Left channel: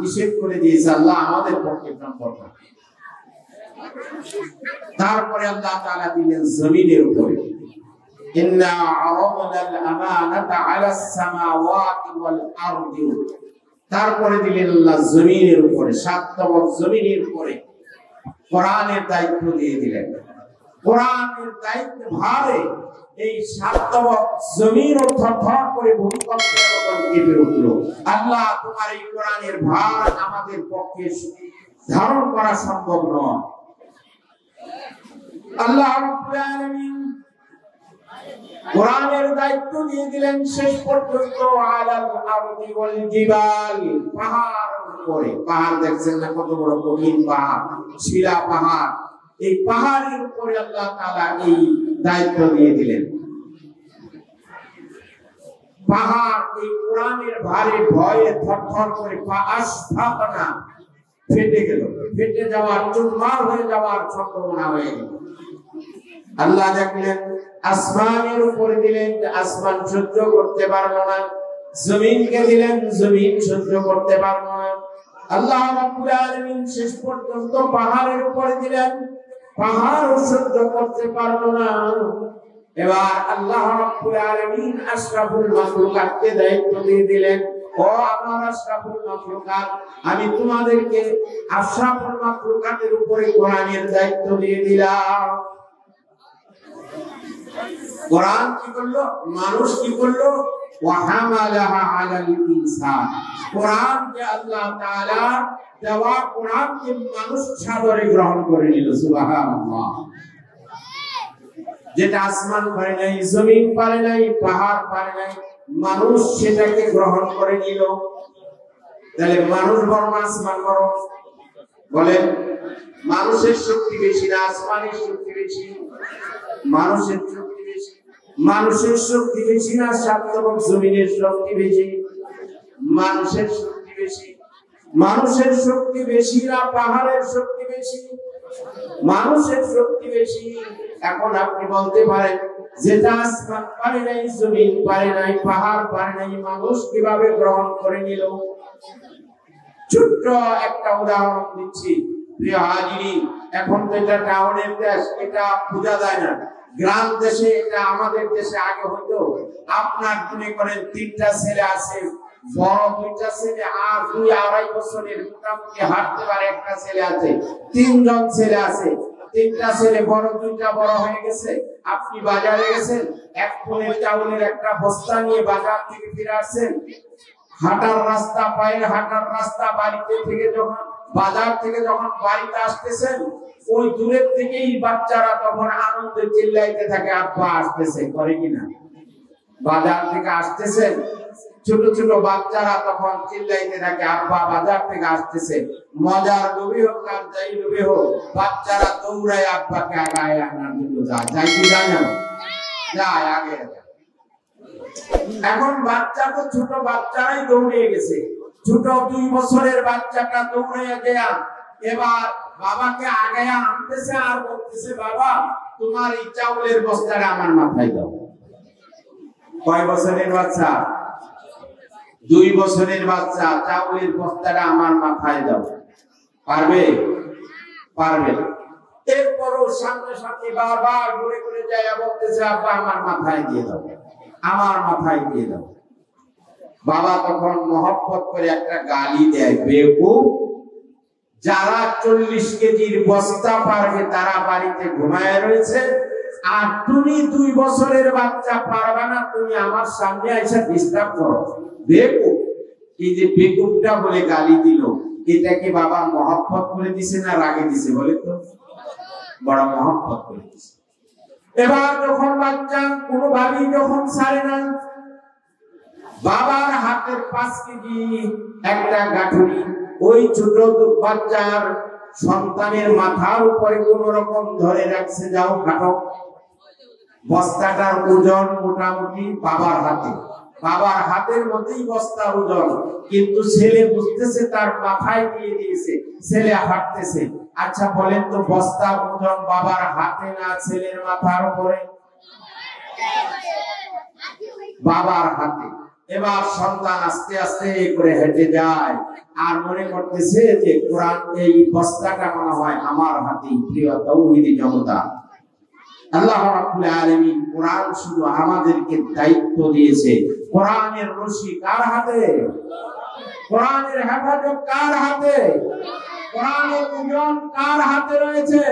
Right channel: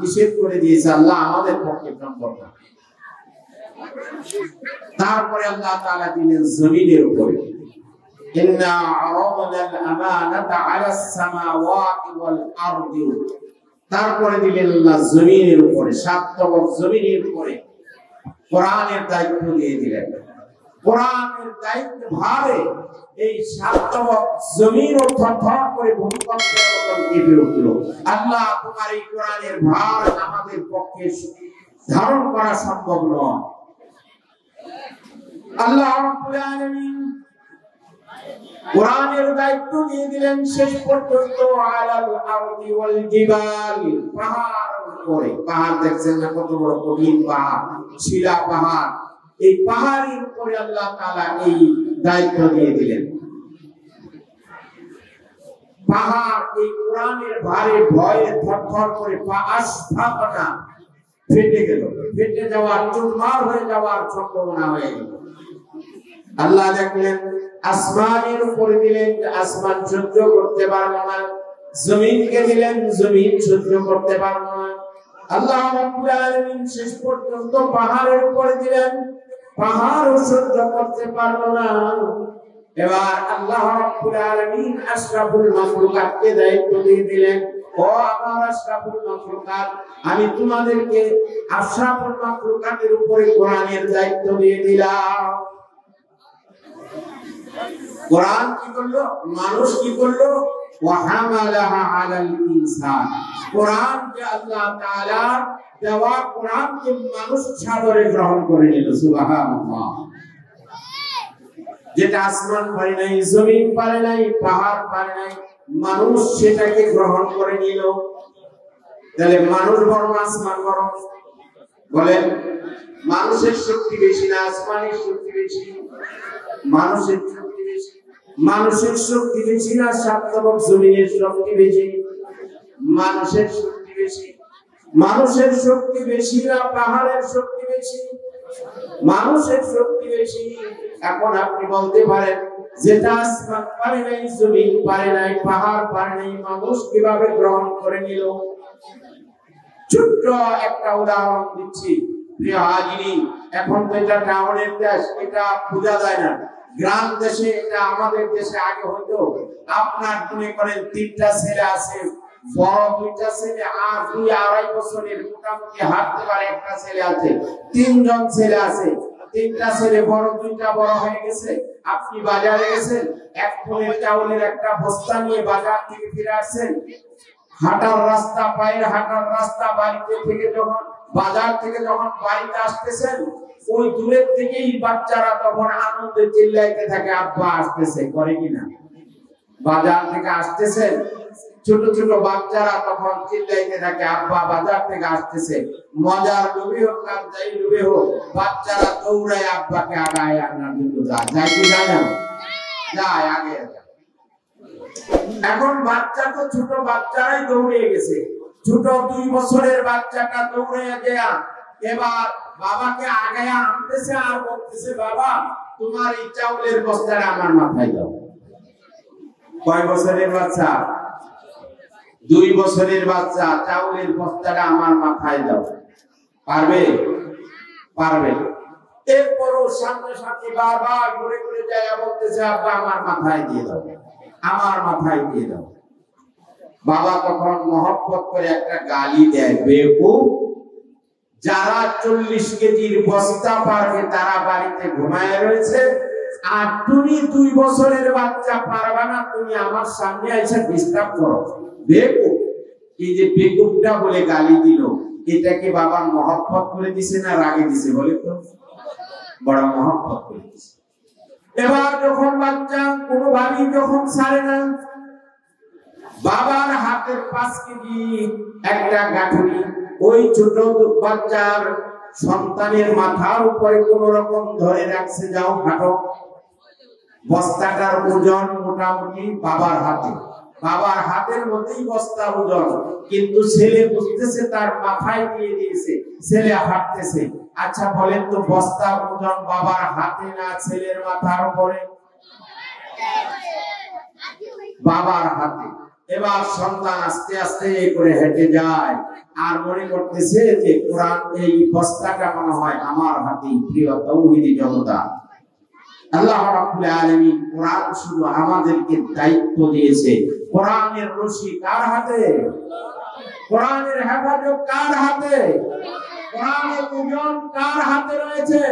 নিষেধ করে দিয়েছে আল্লাহ আমাদের পক্ষে সম্ভব না। তারপরে আল্লাহ তাআলা দিলেন জমিনের উপরে, ইন্না আরাদনাল আমানাতা আলাস সামাওয়াতি ওয়াল আরদি, তারপরে দিলেন আল্লাহ জমিনের উপরে, সাত তবক জমিনের উপরে কোরআনের দায়িত্ব দিয়ে দিলেন। কোরআনের দায়িত্ব ভারে এই সাত তবক জমিন থরথর করে ভূমিকম্পের মতো কেঁপে উঠল। আল্লাহ তোমার এই কোরআনের ভার আমাদের পক্ষে ধারণ করা সম্ভব নয়। আল্লাহ রাব্বুল আলামিন কোরআনের দায়িত্ব দিয়ে দিলেন শেষ পর্যন্ত আলাল আরদি ওয়াল জিবাল, পাহাড় উপরে। পাহাড় দেখছেন না কত বড় কঠিন পাহাড়, শিলা পাহাড়, এই পাহাড়ের উপরে আল্লাহ তাআলা এই দায়িত্ব দিয়ে দিলেন। পাহাড় এই কোরআনের ভারে ভয়ে থরথর করে আসফাকানা ফেটে গেল, ফেটে যাওয়ার, চুরমার হয়ে যাওয়ার সম্ভাবনা হয়ে গেল। আল্লাহ দেখলেন আসমানের উপরে দিলেন, আসমান সহ্য করতে পারবো না। জমিনকে দিলেন, জমিন সহ্য করতে পারবো না। আল্লাহ রাব্বুল আলামিন শেষ পর্যন্ত পাহাড়ের উপরে দিলেন, পাহাড় সহ্য করতে পারবো না। এবার আল্লাহ রাব্বুল আলামিন আশরাফুল মাখলুকাতকে দায়িত্ব দিয়ে দিলেন, ও আমার আশরাফুল মাখলুকাত, আমি তোমাদেরকে আশরাফুল মাখলুকাতের উপরে কোরআনের দায়িত্ব দিয়ে দিলাম। কোরআন কি করলো? মানুষ কি করলো? ওয়াহামালাহা আলাল ইনসান, কোরআন যে আল্লাহ তাআলা দেওয়া কোরআনকে মানুষ সাদরে গ্রহণ করে নিল। সুবহানাল্লাহ। যেটা আসমান পারে নাই, জমিন পারে নাই, পাহাড় পারে নাই, মানুষ সেটাকে গ্রহণ করে নিল। তাহলে মানুষ বড় আসমান বড়? বলেন, মানুষের শক্তি বেশি না আসমানের শক্তি বেশি? মানুষের শক্তি বেশি। মানুষের শক্তি বেশি না সাত তবক জমিনের শক্তি বেশি? মানুষের শক্তি বেশি। মানুষের শক্তি বেশি না পাহাড়ের শক্তি বেশি? মানুষের শক্তি বেশি। এখন আপনি বলতে পারেন, যেটা আসমান পারে নাই, জমিন পারে নাই, পাহাড় পারে নাই, মানুষ কিভাবে গ্রহণ করে নিল? ছোট্ট একটা উদাহরণ দিচ্ছি প্রিয় হাজিরিন। এখন তো এটা টাউনের দেশ, এটা বোঝা যায় না। গ্রাম দেশে, এটা আমাদের দেশে আগে হতো, আপনার মনে করেন তিনটা ছেলে আছে, বড় দুইটা ছেলে আর 2-2.5 বছরের মোটামুটি হাঁটতে পারে একটা ছেলে আছে, তিনজন ছেলে আছে। তিনটা ছেলে বড়, দুইটা বড় হয়ে গেছে। আপনি বাজারে গেছেন, এক টনের চাউলের একটা বস্তা নিয়ে বাজার থেকে ফিরে আসছেন। হাঁটার রাস্তা, পায়ের হাঁটার রাস্তা, বাড়িতে থেকে যখন বাজার থেকে যখন বাড়িতে আসতেছেন, ওই দূরের থেকেই বাচ্চারা তখন আনন্দে চিল্লাইতে থাকে, আব্বা আসতেছে, করে কিনা? বাজার থেকে আসতেছেন, ছোট ছোট বাচ্চারা তখন চিল্লাইতে থাকে, আব্বা বাজার থেকে আসতেছে। মজার লোভে হোক আর যাই লোভে হোক, বাচ্চারা দৌড়ায় আব্বাকে আগায় আনার জন্য যায় কি জানেন? যায় আগে। এখন বাচ্চা তো ছোট বাচ্চারাই দৌড়ে গেছে। ছোট 2 বছরের বাচ্চাটা দৌড়ে গিয়া এবার বাবাকে আগে আনতেছে আর বলতেছে, বাবা তোমার এই চাউলের বস্তাটা আমার মাথায় দাও। কয় বছরের বাচ্চা? 2 বছরের বাচ্চা, চাউলের বস্তাটা আমার মাথায় দাও। পারবে? পারবে। এরপরও সামনে সামনে বারবার ঘুরে ঘুরে যায়, বলতেছে, আব্বা আমার মাথায় দিয়ে দাও, আমার মাথায় দিয়ে দাও। বাবা তখন মহব্বত করে একটা গালি দেয়, বেকুব, যারা 40 কেজির বস্তা পারবে তারা বাড়িতে ঘুমায় রয়েছে, আর তুমি 2 বছরের বাচ্চা পারবে না, তুমি আমার সামনে এসে ডিস্টার্ব করো। বেকুব। এই যে বেকুবটা বলে গালি দিল, এটাকে বাবা মহব্বত করে দিছে না রাগে দিছে? বলে তো, বড় মহব্বত করে দিছে। এবার যখন বাচ্চা কোনোভাবেই যখন ছাড়ে না, বাবার হাতের 5 কেজি একটা গাঁঠুরি ওই ছোট বাচ্চার সন্তানের মাথার উপরে কোন রকম ধরে রাখছে, যাও হাঁটো। বস্তাটার ওজন মোটামুটি বাবার হাতে, বাবার হাতের মধ্যেই বস্তার ওজন, কিন্তু ছেলে বুঝতেছে তার মাথায় দিয়ে দিয়েছে, ছেলে হাঁটতেছে। আচ্ছা বলেন তো, বস্তার ওজন বাবার হাতে না ছেলের মাথার উপরে? বাবার হাতে। এবার সন্তান আস্তে আস্তে করে হেঁটে যায় আর মনে করতেছে যে কোরআন এই বস্তাটা মনে হয় আমার হাতে। প্রিয় তাওহীদি জনতা, আল্লাহ রাব্বুল আলামিন কোরআন শুধু আমাদেরকে দায়িত্ব দিয়েছে। কোরআনের রশি কার হাতে? কোরআনের হেফাজত কার হাতে? কোরআনের ওজন কার হাতে রয়েছে?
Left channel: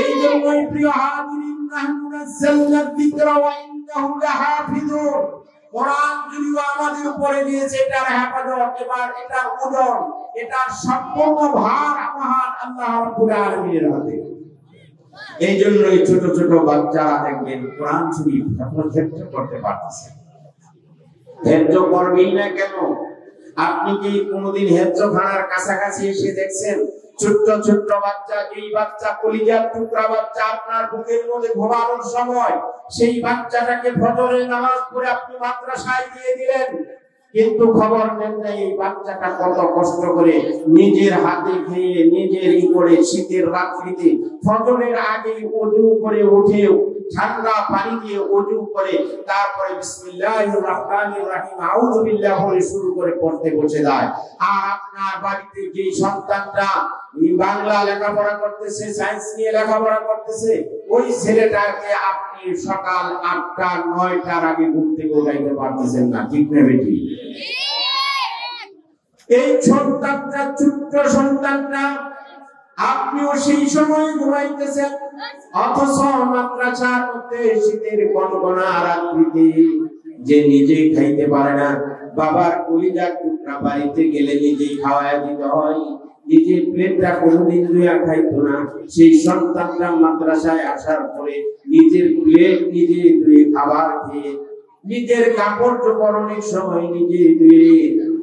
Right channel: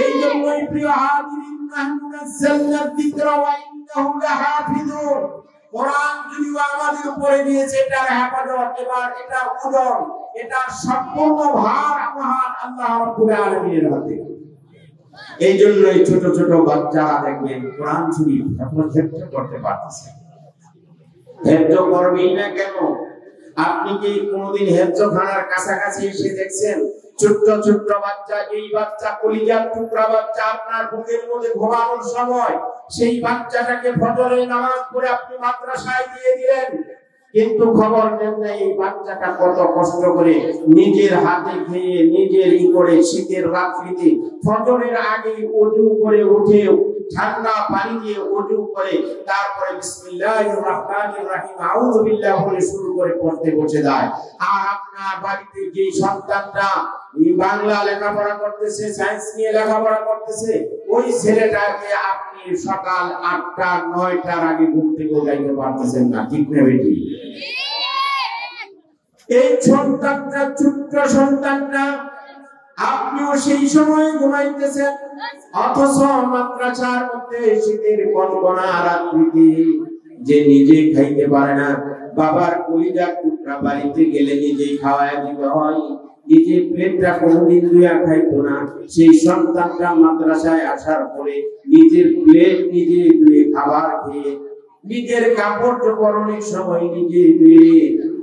এই জন্যই প্রিয় হাজিরিন, নাহনু নাযালনা যিকরা ওয়া ইন্নাহু লাহাফিজুন। কোরআন যদি আমাদের উপরে দিয়েছে, এটার হেফাজত, এবার এটার ওজন, এটার সম্পূর্ণ ভার মহান আল্লাহ রাব্বুল আলামিনের হাতে। এই জন্যই ছোট ছোট বাচ্চারা দেখবেন কোরআন শরীফ হেফাজত করতে পারতেছে। হেফজ করবেই না কেন? আপনি কি কোনদিন হেফজখানার কাছাকাছি এসে দেখছেন ছোট্ট ছোট্ট বাচ্চা? এই বাচ্চা কলিজার টুকরা বাচ্চা আপনার বুকের মধ্যে ঘুমানোর সময় সেই বাচ্চাটাকে ফজরের নামাজ পড়ে আপনি মাদ্রাসায় দিয়ে দিলেন, কিন্তু খবর নেন না এই বাচ্চাটা কত কষ্ট করে নিজের হাতে খেয়ে নিজের করে শীতের রাত্রিতে ফজরের আগে ওযু করে উঠে ঠান্ডা পানি দিয়ে ওযু করে তারপরে বিসমিল্লাহির রহমানির রহিম আউযু বিল্লাহি বলে শুরু করে পড়তে বসে যায়। আর আপনার বাড়িতে যে সন্তানটা বাংলা লেখাপড়া করতেছে, সায়েন্স নিয়ে লেখাপড়া করতেছে, ওই ছেলেটাকে আপনি সকাল ৮টা ৯টার আগে ঘুম থেকে উঠাইতে পারতেছেন না, ঠিক না বেটি? এই সন্তানটা, ছোট্ট সন্তানটা, আপনিও সেই সময় ঘুমাইতেছেন, অথচ মাদ্রাসার মধ্যে শীতের কনকনা রাত্রিতে যে নিজে খাইতে পারে না, বাবার কলিজার টুকরা বাড়িতে গেলে নিজেই খাওয়ায় দিতে হয়, নিজের পেটটা কোনদিন ধুইয়া খাইতো না, সেই সন্তানটা মাদ্রাসায় আসার পরে নিজের প্লেট নিজে ধুয়ে খাবার খেয়ে নিজের কাপড় চোপড়ের সময় নিজে ধুয়ে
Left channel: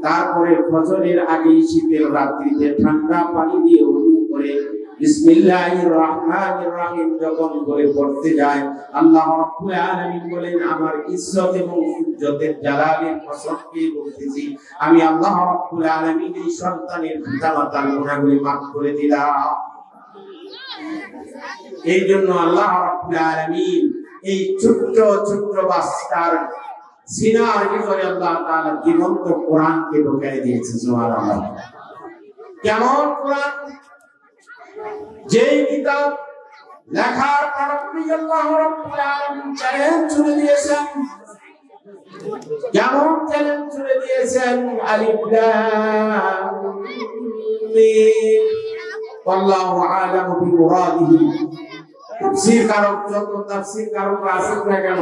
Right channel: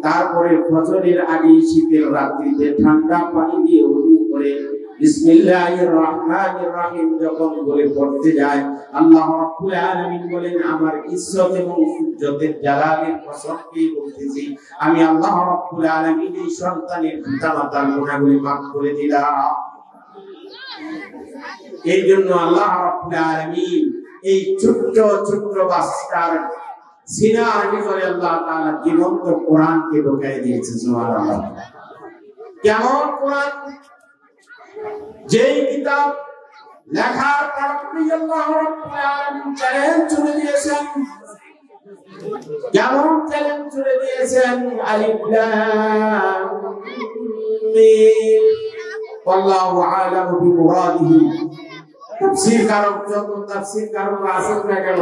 তারপরে ফজরের আগে শীতের রাত্রিতে ঠান্ডা পানি দিয়ে ওযু করে বিসমিল্লাহির রহমানির রহিম যখন বলে পড়তে যায়, আল্লাহ রাব্বুল আলামিন বলেন, আমার ইজ্জত এবং ইজ্জতের জালালের কসম খেয়ে বলতেছি, আমি আল্লাহ রাব্বুল আলামিন এই সন্তানের পিতামাতার গুনাহগুলি মাফ করে দিলাম। এই জন্য আল্লাহ রাব্বুল আলামিন এই ছোট্ট ছোট্ট বাচ্চার সিনার ভিতরে আল্লাহ তাআলা জীবন্ত কোরআনকে ঢুকাই দিয়েছে। সুবহানাল্লাহ। কেমন কোরআন? যেই কিতাব লেখার পর আল্লাহ রাব্বুল আলামিন চ্যালেঞ্জ ছুড়ে দিয়েছেন। কেমন চ্যালেঞ্জ ছুড়ে দিয়েছেন? আলিফ লাম মিম আল্লাহু আ'লামু বিমুরাদিহি। তাফসীর কারক যত তাফসীর কারক আছেন না কেন,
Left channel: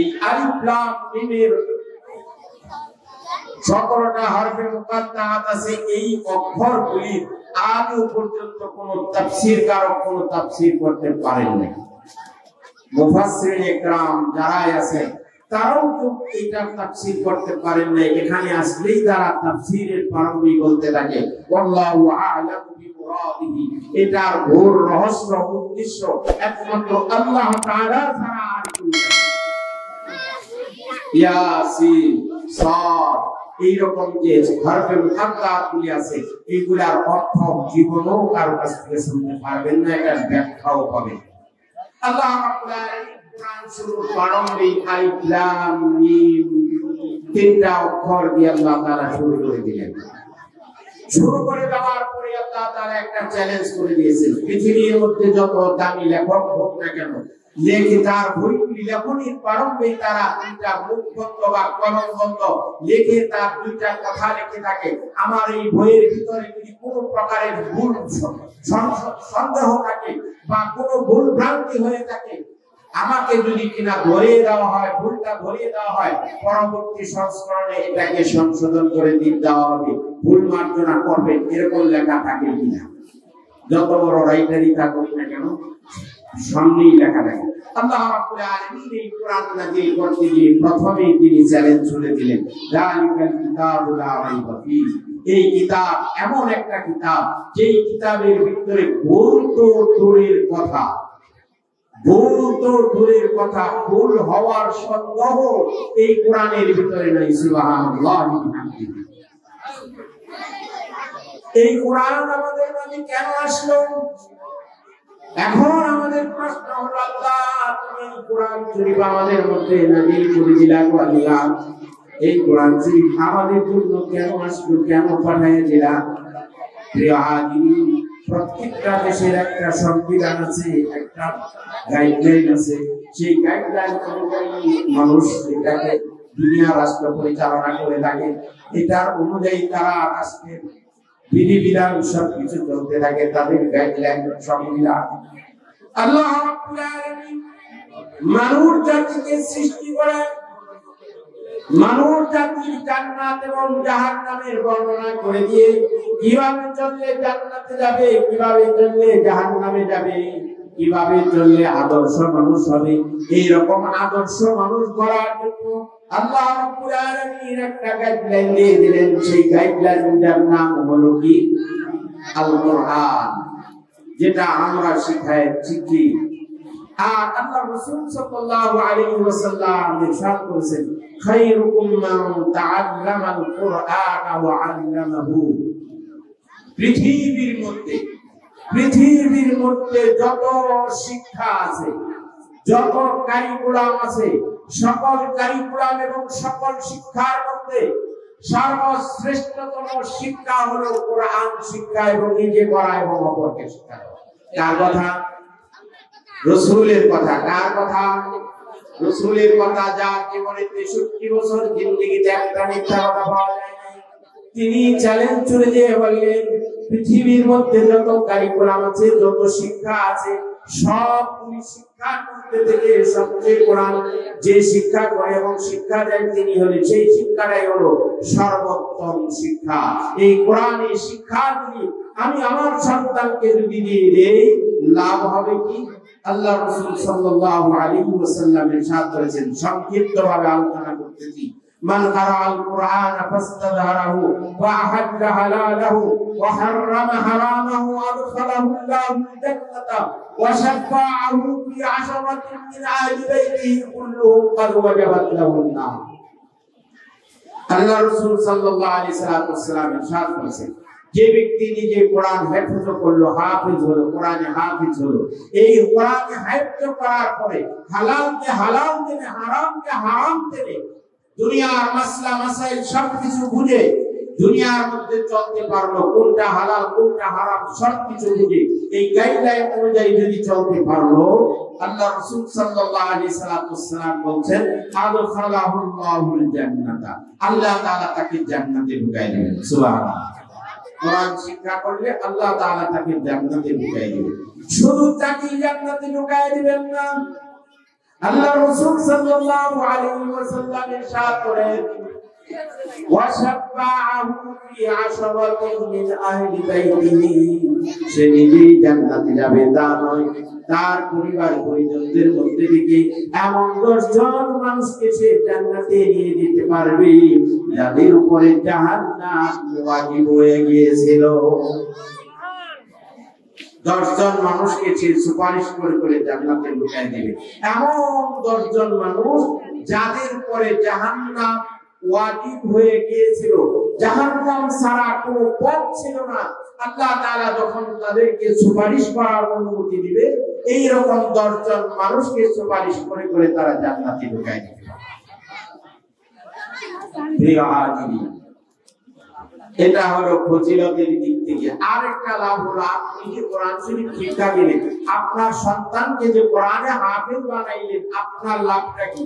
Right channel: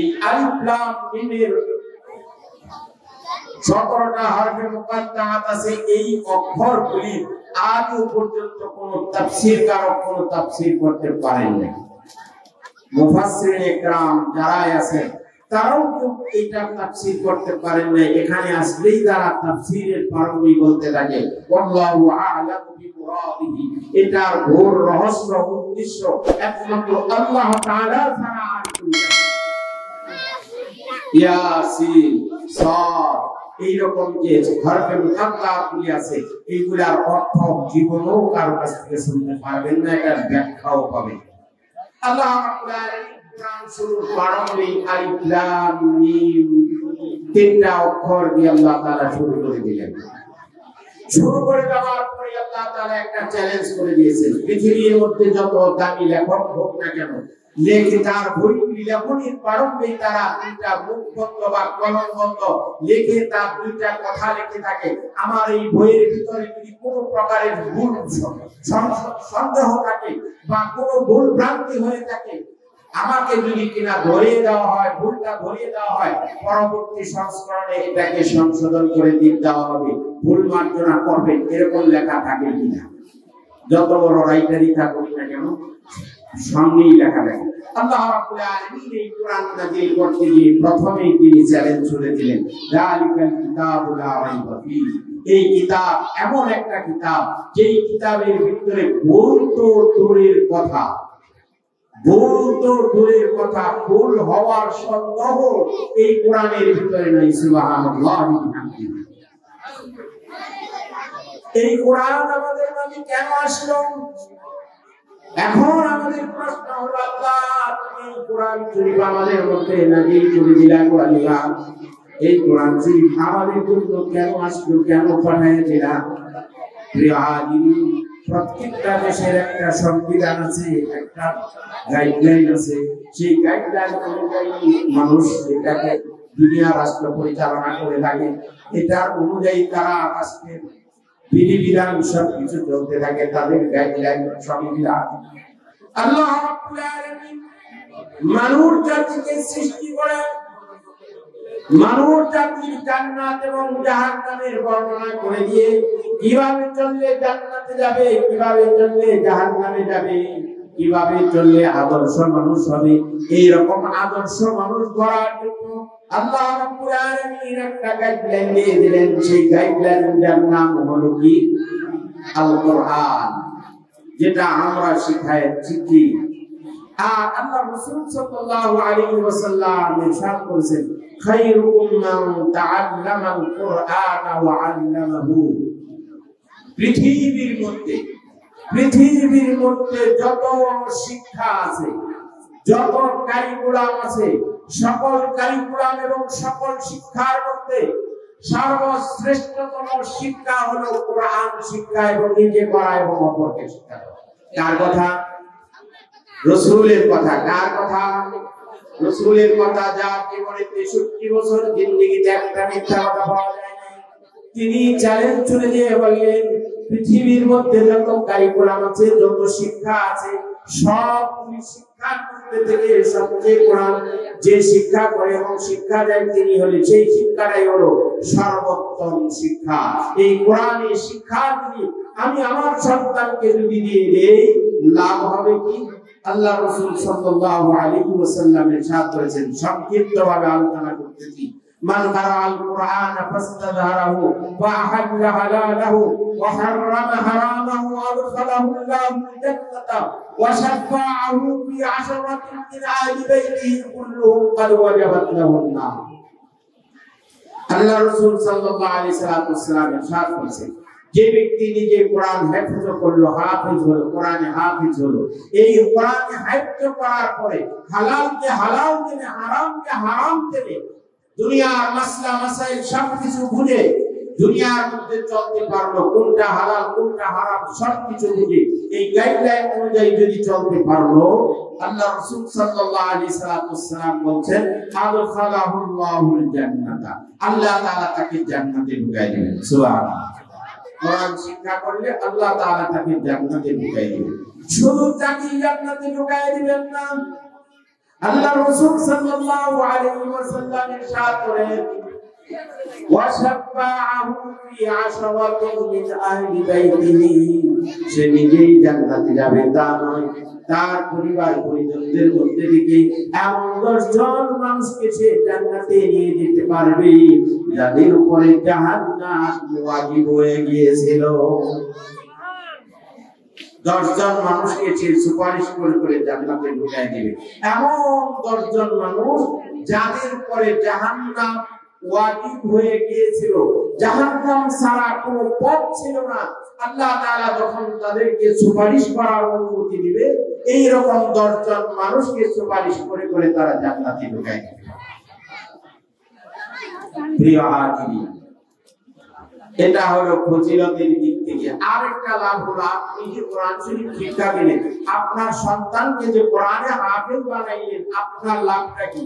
এই আলিফ লাম মিমের 17টা হরফে মুকাদ্দারাত আছে। এই অক্ষরগুলি আজও পর্যন্ত কোন তাফসীর কারক কোন তাফসীর করতে পারেন না। মুফাসসিরিন ইকরাম যারা আছেন তারাও তো এটা তাফসীর করতে পারেন না। এখানে আসলেই তারা তাফসীরের পারমি বলতে থাকে, আল্লাহু আ'লামু বিমুরাদিহি। এটার ঘোর রহস্য উদ্দেশ্য একমাত্র আল্লাহ তাআলা ছাড়া আর কেউ জানে না। ইয়াসিন, সাদ, এইরকম যে হরফে মুকাদ্দারাতগুলি আছে, এইগুলার অর্থ জীবনেও কারো কাছ থেকে শুনতে পারবেন না, এটার ব্যাখ্যাও পাবেন। আল্লাহ রাব্বুল আলামিন কোরআন শুরুর প্রারম্ভিক আলিফ লাম মিম 3টা অক্ষর দিয়ে আল্লাহ তাআলা শুরু করে দিলেন। শুরু করে দেওয়ার পরে আল্লাহ তাআলা একটা চ্যালেঞ্জ করে দিয়েছেন, পৃথিবীর মধ্যে যত দামি লেখক হোক না কেন, লেখে তার বইগুলি লেখনির প্রারম্ভে তারা 2টা মুখ বন্ধ বা কলম বন্ধ লেখে তার 2টা কথা লিখে থাকে। আমার এই বইয়ের ভিতরে যদি কোনো প্রকারের ভুল সন্দেহ থাকে বা কোনো ভুল ভ্রান্তি হয়ে থাকে, আমাকে যদি কিনা ধরিয়ে দেওয়া হয়, ভুলটা ধরিয়ে দেওয়া হয়, পরবর্তী সংস্করণে এটাকে সংশোধন করে দেওয়া হবে, ভুল মার্জনা করবে, এরকম লেখা থাকে কিনা। যত বড় রাইটারই থাকুক না কেন, সামনেই লেখা থাকে। আল্লাহ রাব্বুল আলামিন এই কোরআন নাযিল করতে গিয়ে প্রথমেই তিনি চ্যালেঞ্জ ছুড়ে দিলেন, যালিকাল কিতাবু লা রাইবা ফীহি। এই কিতাব এমন একটা কিতাব, যেই কিতাবের ভিতরে ভুল তো দূরের কথা, ভুল হওয়ার সন্দেহ এই কোরআনের ভিতরে নাই। সুবহানাল্লাহ। এই কোরআন আমাদের মাঝে কেন আসলো? এখন আমাদের প্রশ্ন হলো, আল্লাহ তুমি কোরআন শরীফ আমাদের মধ্যে নাযিল করে দিলা, আল্লাহ এই কোরআন শরীফ আমাদের জন্য কেন আসলো, কেন পাঠাইছিলা? প্রিয় হাজিরিন, প্রত্যেকটা দেশের একটা সংবিধান আছে, একটা গাইডলাইন আছে। সেই গাইডলাইন অনুযায়ী মানুষ এটাকে দুনিয়া রাষ্ট্র পরিচালনা করে থাকে। এটার অনুযায়ী তারা রাষ্ট্রের বিধিবিধান সবকিছু চলতে থাকে, তাদের গাইডলাইন সংবিধান। আল্লাহ রাব্বুল আলামিন মানব জাতিকে সৃষ্টি করে মানব জাতির জান্নাত এবং জাহান্নামের বর্ণনা করে দিয়ে কিভাবে চললে জান্নাতে যাবে, কিভাবে চললে জাহান্নামে যাবে, কিভাবে চললে আদর্শ মানুষ হবে, এই রকম আদর্শ মানুষ গড়ার জন্য আল্লাহ রাব্বুল আলামিন একটা গাইডলাইন দিয়ে দিলেন। সেই গাইডলাইনের নাম হলো কি? আল কোরআন, যেটা আমরা শিখি। আর আল্লাহ রাসূল সাল্লাল্লাহু আলাইহি ওয়াসাল্লাম ইরশাদ করেছেন, খায়রুকুম মান তাআল্লামাল কুরআনা ওয়া আল্লামাহু। পৃথিবীর মধ্যে যত শিক্ষা আছে, যত কারিকুলাম আছে, সকল কারিকুলাম এবং সকল শিক্ষার মধ্যে সর্বশ্রেষ্ঠতম শিক্ষা হলো কোরআন শিক্ষা এবং নিজে পড়া এবং অপরকে শিক্ষা দেওয়া। কার কথা? রাসূলের কথা। কার কথা? রাসূলের কথা। যার জীবনে 63 বছর জিন্দেগিতে একটা মিথ্যা কথা পাওয়া যায় না, তিনি চ্যালেঞ্জ ছুড়ে দিয়ে বললেন, পৃথিবীর মধ্যে যত কারিকুলাম আছে, যত শিক্ষা আছে, সবগুলি শিক্ষার মধ্যে থেকে সবচেয়ে কোরআন যে শিক্ষা করে এবং শিক্ষা দেয় তিনি হলেন, সেই শিক্ষাটাই হলো সর্বোত্তম শিক্ষা। এই কোরআনের শিক্ষা যদি আমি আমার সন্তানকে যদি দিয়ে দেই, লাভ হবে কি? আল্লাহ রাসূল সাল্লাল্লাহু আলাইহি ওয়াসাল্লাম ইরশাদ করেছেন, সংক্ষিপ্তভাবে আলোচনা করতেছি। মান কারাআল কুরআনা ফাস্তাযহারাহু ওয়া আহাল্লা হালালাহু ওয়া হাররামা হারামাহু আদখালাহু আল্লাহুল জান্নাতা ওয়া শাফাআহু ফি আশরাতিন মিন আহলি বাইতিহি কুল্লুহুম ক্বাদ ওয়াজাবাত লাহুন নার। আল্লাহ রাসূল সাল্লাল্লাহু আলাইহি ওয়াসাল্লাম ইরশাদ করেছেন, যে ব্যক্তি নিজে কোরআন হেফজ করলো, হাফেজ হলো, কোরআনে হাফেজ হলো, এই কোরআনে হেফজ করার পরে হালালকে হালাল জেনে, হারামকে হারাম জেনে, দুনিয়ার মাসলা মাসাইল সবকিছু বুঝে দুনিয়ার মধ্যে চলতে পারলো, কোনটা হালাল কোনটা হারাম সবকিছু বুঝে এই গাইডলাইন অনুযায়ী যদি চলতে পারলো, আল্লাহ রাসূল সাল্লাল্লাহু আলাইহি ওয়াসাল্লাম বলেন, আদখালাহুল্লাহুল জান্নাতা, আল্লাহ তাআলা তাকে জান্নাতে ঢুকায় দিবেন। সুবহানাল্লাহ। কোরআন শিক্ষা করলে আল্লাহ তাআলা তাকে জান্নাতে ঢুকায় দিবেন। শুধু তাকে জান্নাতে ঢুকায় দিবেন না, আল্লাহ রাসূল সাল্লাল্লাহু আলাইহি ওয়াসাল্লাম ইরশাদ করেন, ওয়া শাফাআহু ফি আশরাতিন মিন আহলি বাইতিহি, সে নিজেই জান্নাতে যাবে তা নয়, তার পরিবার পরিজনদের মধ্যে থেকে এমন 10 জন মানুষকে সে জান্নাতে নিয়ে যেতে পারবে যাদের উপরে জাহান্নাম ওয়াজিব হয়ে গিয়েছিল। 10 জন মানুষকে সে সুপারিশ করে জান্নাতে ঢুকায় দিবে। এমন 10 জন মানুষ যাদের উপরে জাহান্নাম ওয়াজিব হয়ে গিয়েছিল, জাহান্নাম ছাড়া কোনো পথ ছিল না, আল্লাহ তাআলা যখন তাদেরকে সুপারিশ করার অনুমতি দিবে, এই রকম 10 জন মানুষকে সুপারিশ করে তারা জান্নাতে ঢুকায় দিবে। প্রিয় হাজিরিন, এটা হলো ফজিলতের দিক থেকে। আরেকটা লাভ হলো, আপনি যে কোরআন শরীফ শিক্ষা দিলেন, আপনার সন্তানকে যে কোরআনে হাফেজ বানাইলেন, আপনার লাভটা কি?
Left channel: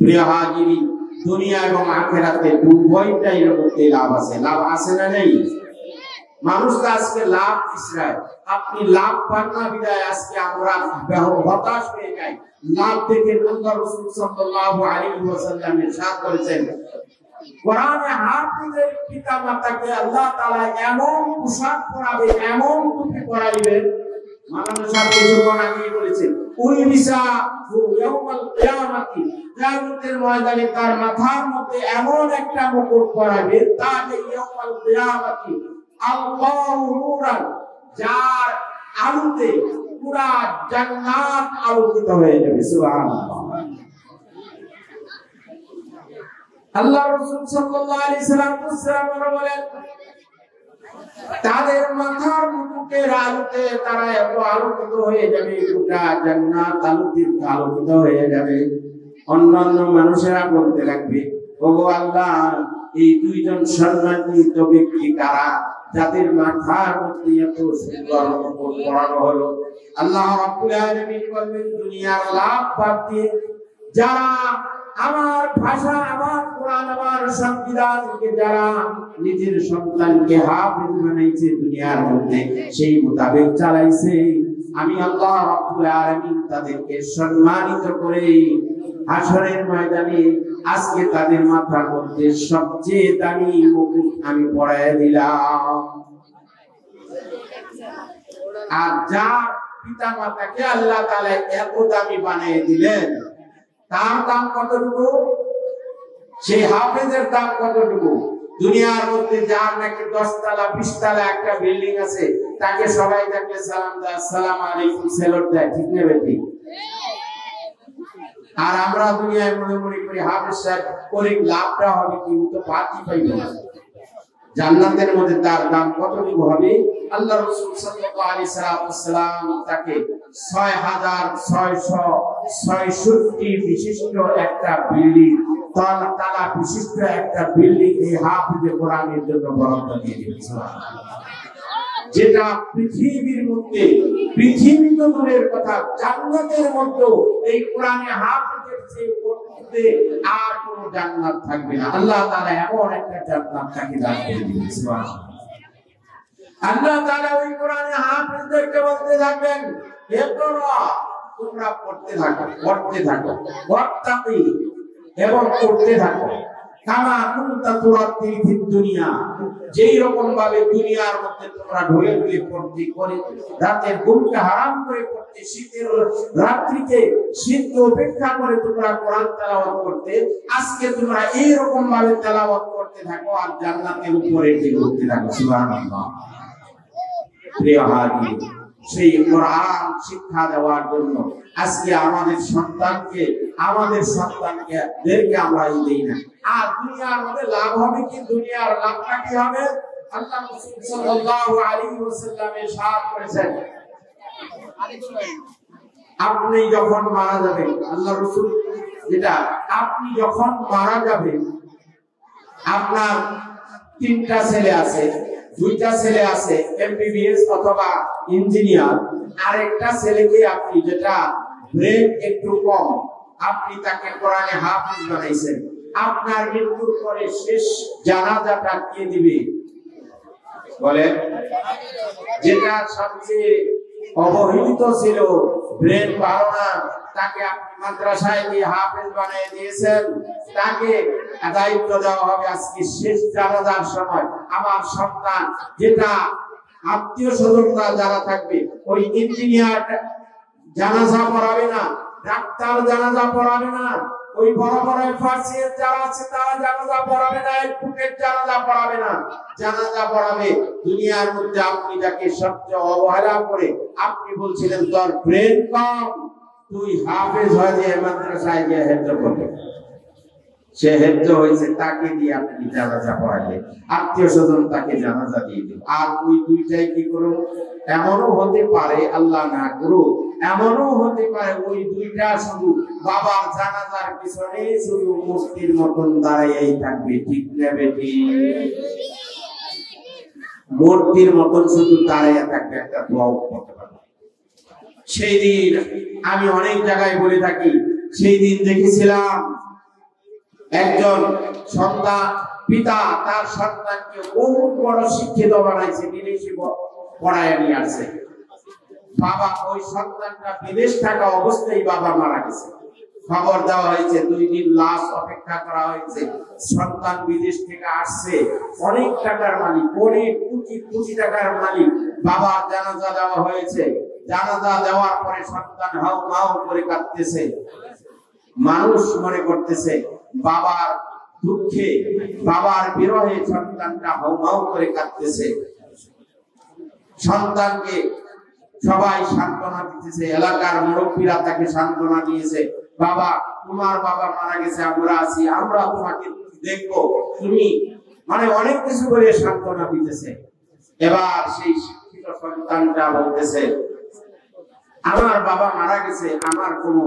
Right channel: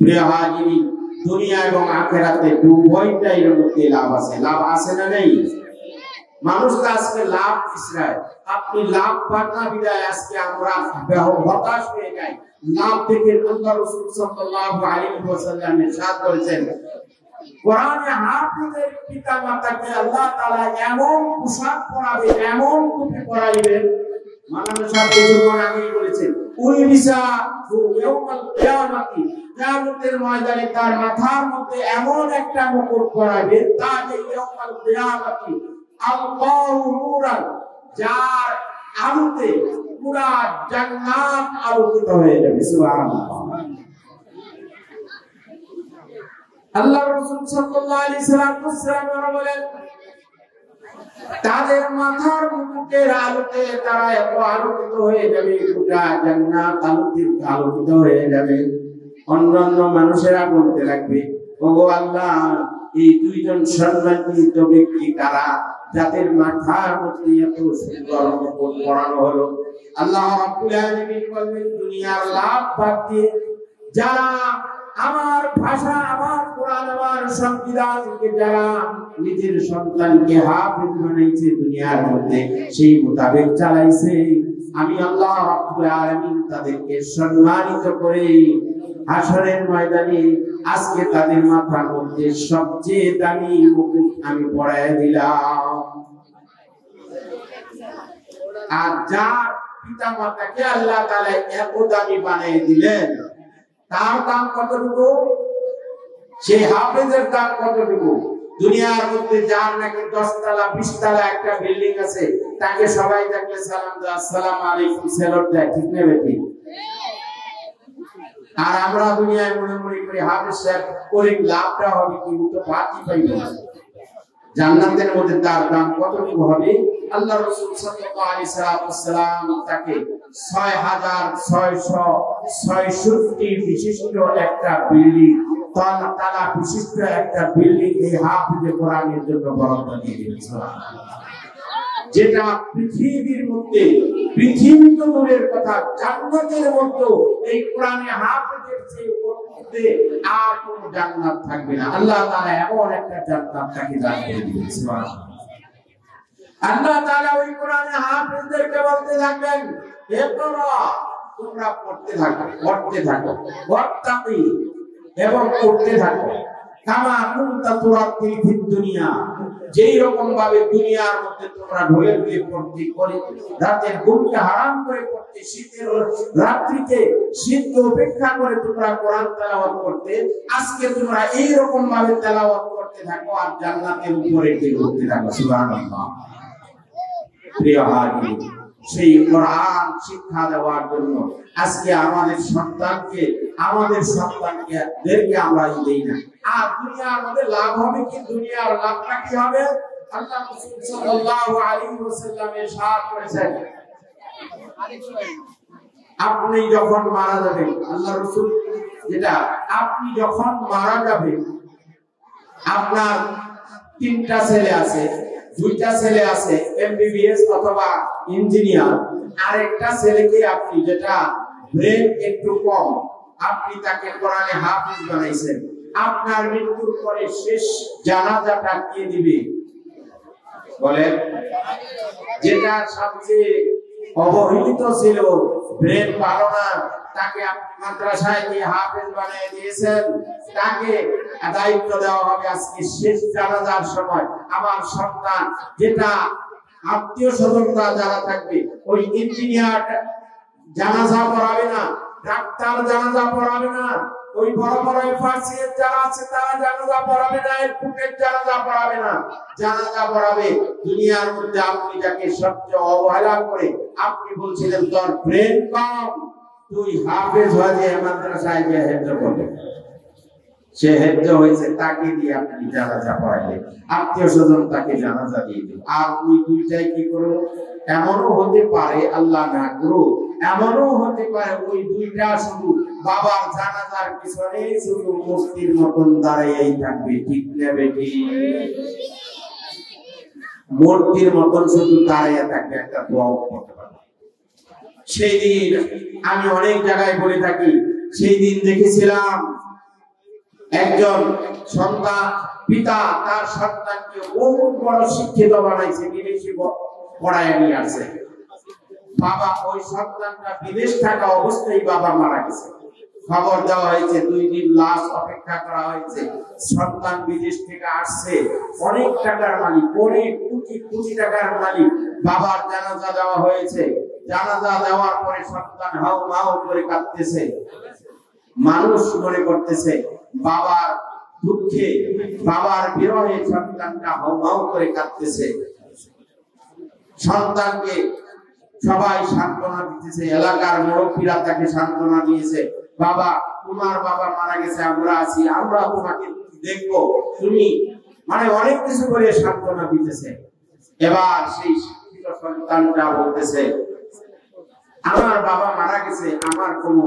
প্রিয় হাজিরিন, দুনিয়া এবং আখিরাতে উভয়টাই মধ্যে লাভ আছে। লাভ আছে না নেই? মানুষ আজকে লাভ ইসরায়েল, আপনি লাভ পান না বিদায় আজকে আমরা হতাশ হয়ে যাই। লাভ দেখে আল্লাহ রাসূল সাল্লাল্লাহু আলাইহি ওয়াসাল্লাম ইরশাদ করেছেন, কোরআনে হাফেজের পিতামাতাকে আল্লাহ তাআলা এমন পোশাক পরাবে, এমন টুপি পরাইবেন, মানব সাথে যখন আমি বলেছেন, উলবিসা ইয়াউমাল কিয়ামাতি, কিয়ামতের ময়দানে তার মাথার মধ্যে এমন একটা মুকুট পরাবে, তাকে ইয়াউমাল কিয়ামাতি আল্লাহু নূরান, যার আলোতে পুরা জান্নাত আলোকিত হয়ে যাবে। সুবহানাল্লাহ। আল্লাহ রাসূল সাল্লাল্লাহু আলাইহি ওয়াসাল্লাম বলেন, তাদের মাথার মুকুটের আলোতে তারা এত আলোকিত হয়ে যাবে, পুরা জান্নাত আলোকিত হয়ে যাবে। অন্যান্য মানুষেরা বলতে লাগবে, ওগো আল্লাহ, এই দুইজন সম্মানিত ব্যক্তি কারা যাদের মাথার মধ্যে এত সুন্দর মুকুট পরানো হলো? আল্লাহ রাব্বুল আলামিন বলেন, দুনিয়ার লাভ বাদ দিয়ে যারা আমার ভাষা, আমার কোরআন, আমার সংবিধানকে যারা নিজের সন্তানকে হাফেজ বানাইছে দুনিয়ার মধ্যে, সেই মোতাবেক চালাইছে, আমি আল্লাহ রাব্বুল আলামিন তাদেরকে সম্মানিত করে হাসরের ময়দানে আজকে তাদের মাথার মধ্যে সবচেয়ে দামি মুকুট আমি পরায় দিলাম। আর যার পিতা মাতাকে আল্লাহ তাআলা এত দামি বানিয়ে দিলেন, তার দাম কতটুকু? সেই হাফেজের দাম কতটুকু? দুনিয়ার মধ্যে যার নাকি 10 তলা 20 তলা একটা বিল্ডিং আছে, তাকে সবাই দেখলে সালাম দেয়, আসসালামু আলাইকুম সেলুট দেয়, ঠিক না বেটি? আর আমরা দুনিয়ায় মনে মনে করি হাফেজ সাহেব করে লাভটা হবে কি? তো বাকি পাইবে না। জান্নাতের মধ্যে তার দাম কতটুকু হবে? আল্লাহ রাসূল সাল্লাল্লাহু আলাইহি ওয়াসাল্লাম তাকে 6666 বিশিষ্ট একটা বিল্ডিং, তালা বিশিষ্ট একটা বিল্ডিং এই হাফেজে কোরআনের জন্য বরাদ্দ দিয়ে দিয়েছেন। সুবহানাল্লাহ। যেটা পৃথিবীর মধ্যে, পৃথিবী তো দূরের কথা, জান্নাতের মধ্যে এই কোরআনে হাফেজের চেয়ে উপরে আর কোনো জান্নাত থাকবে না। আল্লাহ তাআলা এমন একটা জান্নাত তাকে দান করে দিয়েছেন। সুবহানাল্লাহ। আল্লাহ তাআলা ওই কোরআনে হাফেজদেরকে বলতে থাকবেন, ইকরা, তোমরা পড়তে থাকো, পড়তে থাকো, ওয়াত্তাকি, এবং পড়তে থাকো, কামা কুনতা তুরাতিল ফিদ দুনিয়া, যেই রকম ভাবে দুনিয়ার মধ্যে তোমরা ঢলে ঢলে পড়তে করে রাতের ঘুমটা হারাম করে পড়তে, শীতের রাত্রিতে শীতকে উপেক্ষা করে তোমরা কোরআন তেলাওয়াত করতে, আজকে তোমরা এই রকম ভাবে তেলাওয়াত করতে থাকো আর জান্নাতের উপরে উঠতে থাকো। সুবহানাল্লাহ। প্রিয় হাজির, সেই কোরআন শিক্ষা দেওয়ার জন্য আজকে আমাদের সন্তানদেরকে আমরা দেই না। আর দুনিয়ার মধ্যে লাভ হবে কি? দুনিয়ার লাভটা কি হবে? আল্লাহ রাসূল সাল্লাল্লাহু আলাইহি ওয়াসাল্লাম ইরশাদ করেছেন, আপনি যখন মারা যাবেন, আল্লাহ রাসূল যেটা, আপনি যখন মারা যাবেন, আপনার 3টা ছেলে আছে, 2টা ছেলে আছে এমবিবিএস অথবা ইঞ্জিনিয়ার, আরেকটা ছেলেকে আপনি, যেটা ব্রেন একটু কম, আপনি তাকে কোরআনে হাফেজ বানাইছেন, আপনার মৃত্যুর পরে শেষ জানাজাটা কে দিবে? বলেন। যেটা সবচেয়ে অবহেলিত ছিল, ব্রেন ভালো না, তাকে আপনি মাদ্রাসায় গিয়ে হাফেজ বানিয়ে দিয়েছেন, তাকে দায়িত্ব দেওয়া হবে আজকে শেষ জানাজার সময় আমার সন্তান, যেটা আত্মীয় স্বজনরা যারা থাকবে, ওই ইঞ্জিনিয়ার জানাজা পড়াবে না, ডাক্তার জানাজা পড়াবে না, ওই বড় বড় ফার্সিয়ান যারা আছে তারা জানাজা পড়াবে না, এডভোকেট জানাজা পড়াবে না, জানাজা পড়াবে দুনিয়ার মধ্যে আপনি যাকে সবচেয়ে অবহেলা করে আপনি বলছিলেন তোর ব্রেন কম, তুই হাফেজ হয়ে যে মাদ্রাসায় গিয়ে হেফজ করবে, সে হেফজ হয়েছে, তাকে দিয়ে আপনি জানাজা পড়াবে, আত্মীয় স্বজন তাকে জানাজা দিয়ে দিল। আর ওই দুইটাই কি করো? এমনও হতে পারে, আল্লাহ না করুক, এমনও হতে পারে ওই দুইটা শুধু বাবার জানাজার পিছনে শুধু মূর্তির মতন দাঁড়াইয়াই থাকবে, ঠিক না বেটি? মূর্তির মতন শুধু দাঁড়াইয়া থাকবে, একটা দোয়াও করতে পারবে। সেই দিন আমি অনেক জায়গায় বলে থাকি, সেই দিন দেখেছিলাম একজন সন্তান, পিতা তার সন্তানকে বহুত বড় শিক্ষিত বানাইছে, বিদেশি পড়ায় নিয়ে আসছে, বাবা ওই সন্তানটা বিদেশ থাকা অবস্থায় বাবা মারা গেছে, খবর দেওয়া হয়েছে, 2 দিন লাশ অপেক্ষা করা হয়েছে, সন্তান বিদেশ থেকে আসছে, অনেক টাকার মালিক, অনেক কোটি টাকার মালিক, বাবার জানাজা দেওয়া হয়েছে, জানাজা দেওয়ার পরে সন্তান হাউ মাউ করে কাঁদতেছে, মানুষ মনে করতেছে বাবার দুঃখে, বাবার বিরহে সন্তানটা হাউ মাউ করে কাঁদতেছে, সন্তানকে সবাই সান্ত্বনা দিতেছে, এলাকার মুরব্বীরা তাকে সান্ত্বনা দিয়েছে, বাবা তোমার বাবা মারা গেছে, আমরা আছি, আমরা তোমাকে দেখবো, তুমি, মানে অনেক কিছু বলে সান্ত্বনা দিতেছে। এবার সেই শিক্ষিত সন্তানটা বলতেছে, আমার বাবা মারা গেছে, আমার কোনো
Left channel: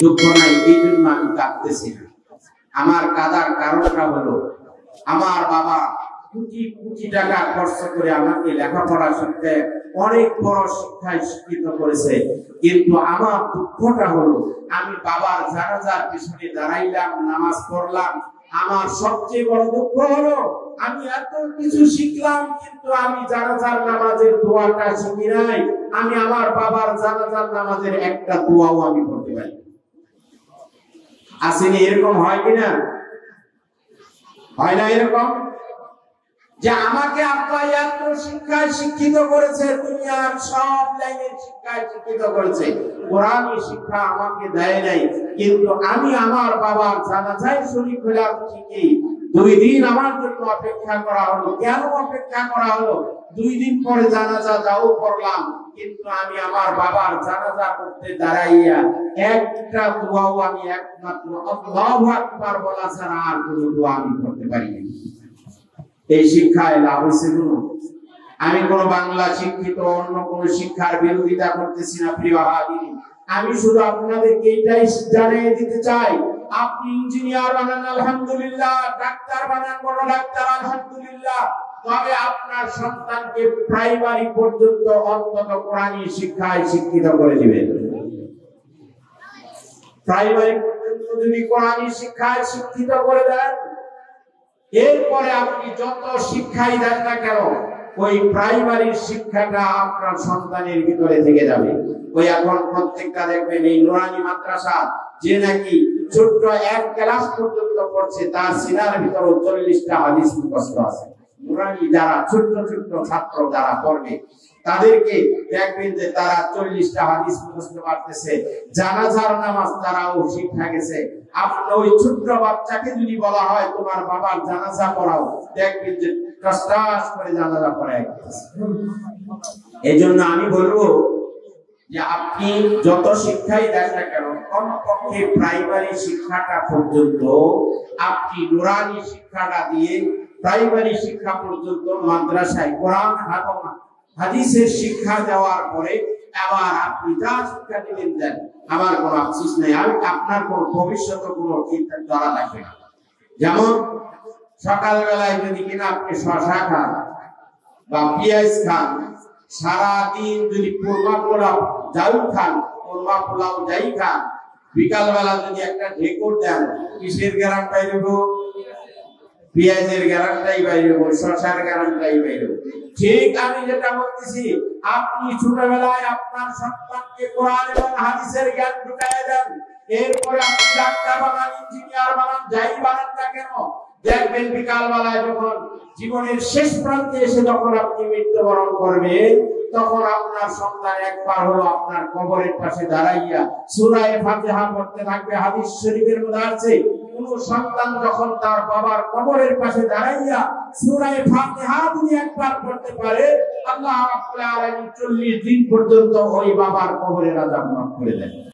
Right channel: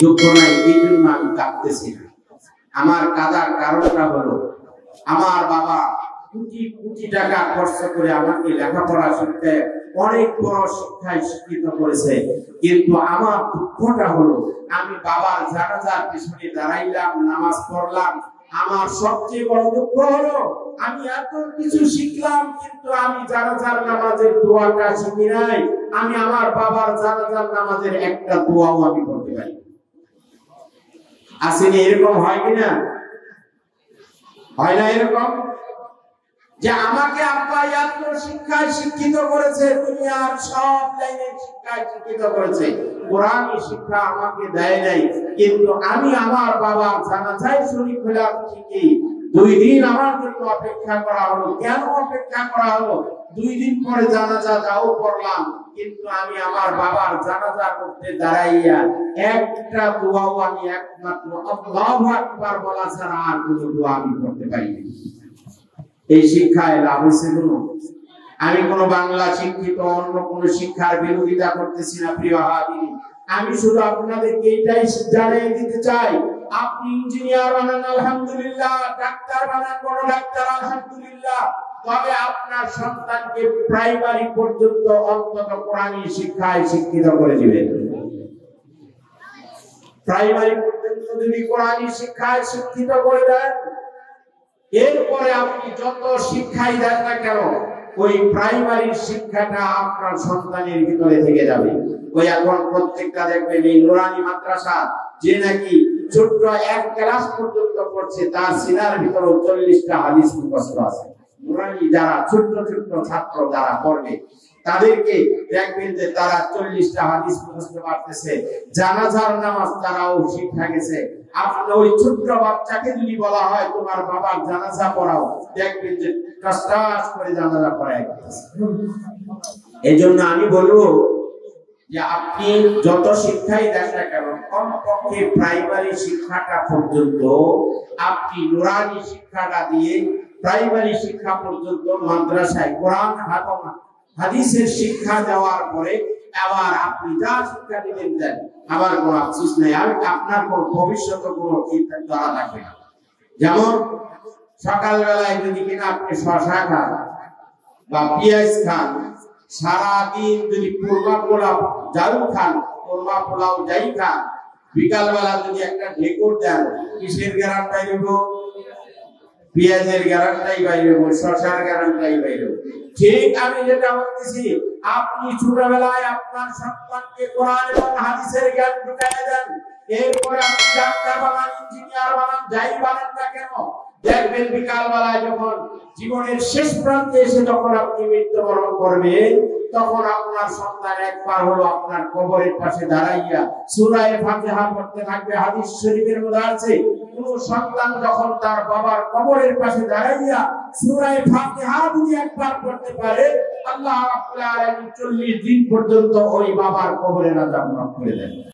দুঃখ নাই, এই জন্য আমি কাঁদতেছি না, আমার কাদার কারণটা হলো আমার বাবা কোটি কোটি টাকা খরচ করে আমাকে লেখাপড়া শিখতে অনেক বড় শিক্ষায় শিক্ষিত করেছে, কিন্তু আমার দুঃখটা হলো আমি বাবার জানাজার পিছনে দাঁড়াইলাম, নামাজ পড়লাম, আমার সবচেয়ে বড় দুঃখ হলো আমি এত কিছু শিখলাম কিন্তু আমি জানাজার নামাজের দোয়াটা শিখি নাই। আমি আমার বাবার জানাজার নামাজের একটা দোয়াও আমি পড়তে পারি। আসেনি? এরকম হয় কিনা? হয় না এরকম? যে আমাকে আব্বা এত শিক্ষায় শিক্ষিত করেছে, দুনিয়ার সব লাইনের শিক্ষায় শিক্ষিত করেছে, কোরআনী শিক্ষা আমাকে দেয় নাই, কিন্তু আমি আমার বাবার জানাজায় শরীক হলাম ঠিকই, 2 দিন আমার জন্য অপেক্ষা করা হলো। কেন অপেক্ষা করা হলো? 2 দিন পরে জানাজা যাও করলাম, কিন্তু আমি আমার বাবার জানাজা করতে দাঁড়াইয়া একটা দোয়াও আমি একমাত্র আল্লাহু আকবার বলা ছাড়া আর কোনো দোয়া আমি করতে পারিনি। এই শিক্ষায় লাভ হয়েছে কোনো? আমি কোন বাংলা শিক্ষিত অন্য কোন শিক্ষার বিরোধিতা করতেছি না প্রিয় হাজিরিন। আমি শুধু আপনাদেরকে এটাই জানিয়ে দিতে চাই, আপনি ইঞ্জিনিয়ার বানান আলহামদুলিল্লাহ, ডাক্তার বানান বড় ডাক্তার আলহামদুলিল্লাহ, তবে আপনার সন্তানকে প্রাইমারি পর্যন্ত অন্তত কোরআনী শিক্ষায় শিক্ষিত করে দিবেন। প্রাইমারি পর্যন্ত যদি কোরআনী শিক্ষায় শিক্ষিত করে দেন, এরপরে আপনি যত শিক্ষাই দেন না কেন ওই প্রাইমারি শিক্ষাটা আপনার সন্তানের ভিতরে থেকে যাবে। ওই এখন প্রত্যেকটা দেখবেন এই নুরানি মাদ্রাসা যে নাকি ছোট্ট 1 ক্লাস পর্যন্ত পড়ছে, তার সিনার ভিতরে 40টা হাদিস মুখস্থ আছে। নুরানি যারা ছোট্ট ছোট্ট ছাত্র যারা পড়বে তাদেরকে দেখবেন যে তারা 40টা হাদিস মুখস্থ করতেছে, জানাজার নামাজ তারাও শিখে গেছে। আপনি ওই ছোট্ট বাচ্চাকে যদি বলা হয় তোমার বাবার জানাজা পড়াও, দেখবেন যে টসটস করে জানাজা পড়ায় গেছে। এজন্য আমি বলবো যে আপনি যত শিক্ষাই দেন না কেন কমপক্ষে প্রাইমারি শিক্ষাটা পর্যন্ত আপনি নুরানি শিক্ষাটা দিয়ে প্রাইমারি শিক্ষা পর্যন্ত মাদ্রাসায় কোরআন হাদিসের শিক্ষা দেওয়ার পরে আবার আপনি যা শিক্ষা দিবেন দেন, আমার কোনো আফসোস নেই, আর আপনার কোন ভবিষ্যতে কোনো চিন্তা করা লাগবে না। যেমন সকালবেলায় যদি কিনা আপনি শশা খান বা পেঁয়াজ খান, সারাদিন যদি কোরমা পোলাও যাই খান, কোরমা পোলাও যাই খান, বিকালবেলা যদি একটা ঢেকুর দেন, কিসের গ্যারান্টি দিব? পেঁয়াজের গ্যারান্টি বাইরে, শশার গ্যারান্টি বাইরে। ঠিক আমি যেটা বলতেছি, আপনি ছোটবেলায় আপনার সন্তানকে কোরআন এবং হাদিসের জ্ঞান ঢুকাইয়া দেন, এরপরে আপনি ডাক্তার বানান, ইঞ্জিনিয়ার বানান, যাই বানান না কেন, দেখবেন বিকালবেলা যখন জীবনের শেষ প্রান্তে এসে যখন আপনি মৃত্যুবরণ করবেন, তখন আপনার সন্তান একবার হলো আপনার কবরের পাশে দাঁড়াইয়া সূরা ফাতিহা পড়তে থাকবে। হাদিস শরীফের মধ্যে আছে, কোন সন্তান যখন তার বাবার কবরের পাশে দাঁড়াইয়া সূরা ফাতিহা যদি একবার পড়তে পারে, আল্লাহ রাব্বুল আলামিন 40 দিন পর্যন্ত ওই বাবার কবরের আযাব মাফ করে দেন।